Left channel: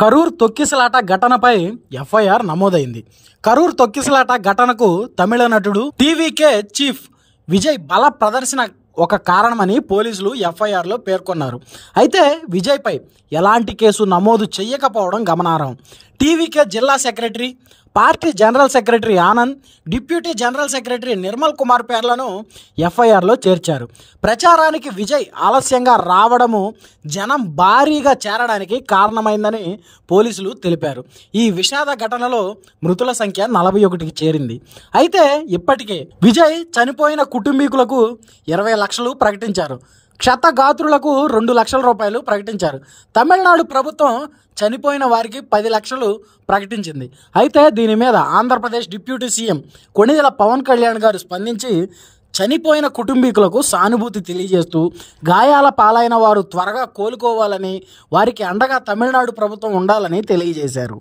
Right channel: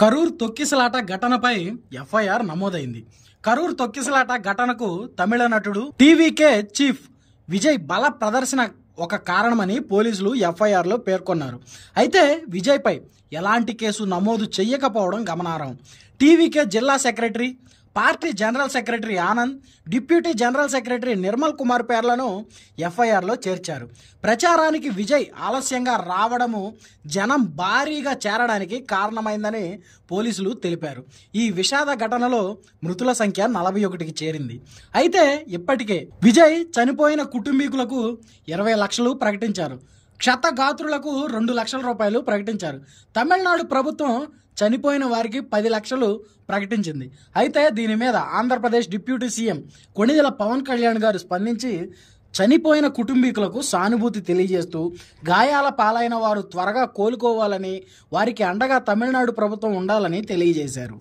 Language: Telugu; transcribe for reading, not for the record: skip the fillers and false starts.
కరూర్ తొక్కిసలాట ఘటనపై ఎఫ్ఐఆర్ నమోదైంది. కరూర్ తొక్కిసలాట ఘటనకు తమిళ నటుడు టీవీకే చీఫ్ విజయ్ బల ప్రదర్శన ఒక కారణమని పోలీసులు ఎఫ్ఐఆర్లో పేర్కొన్నారు. అయితే విజయ్పై ఎలాంటి కేసు నమోదు చేయకపోవడం గమనార్హం. టీవీకే జిల్లా secretary, party general secretary Anand, deputy general secretary Nirmal Kumar పేర్లను ఎఫ్ఐఆర్లో చేర్చారు. ప్రచారానికి విజయ్ ఆలస్యంగా రావడము జనం భారీగా చేరడానికి కారణమైందని పోలీసులు తెలిపారు. ఈ విషాద ఘటనలో మృతుల సంఖ్య 41కి చేరింది. అయితే ఇప్పటికే విజయ్ చనిపోయిన కుటుంబీకులకు 20 లక్షలు ప్రకటించారు. క్షతగాత్రులకు 2 లక్షల రూపాయలు ప్రకటించారు. తమిళనాడు ప్రభుత్వం చనిపోయిన వారికి 10 లక్షలు ప్రకటించింది. అయితే దీని మీద ఆంధ్రప్రదేశ్ డిప్యూటీ సీఎం కొణిదెల పవన్ కళ్యాణ్ గారు స్పందించి చనిపోయిన కుటుంబీకులకు సానుభూతి తెలియజేస్తూ గాయాల పాలైన వారు త్వరగా కోలుకోవాలని, వారికి అండగా తమిళనాడు ప్రభుత్వం ఉండాలని తెలియజేశారు.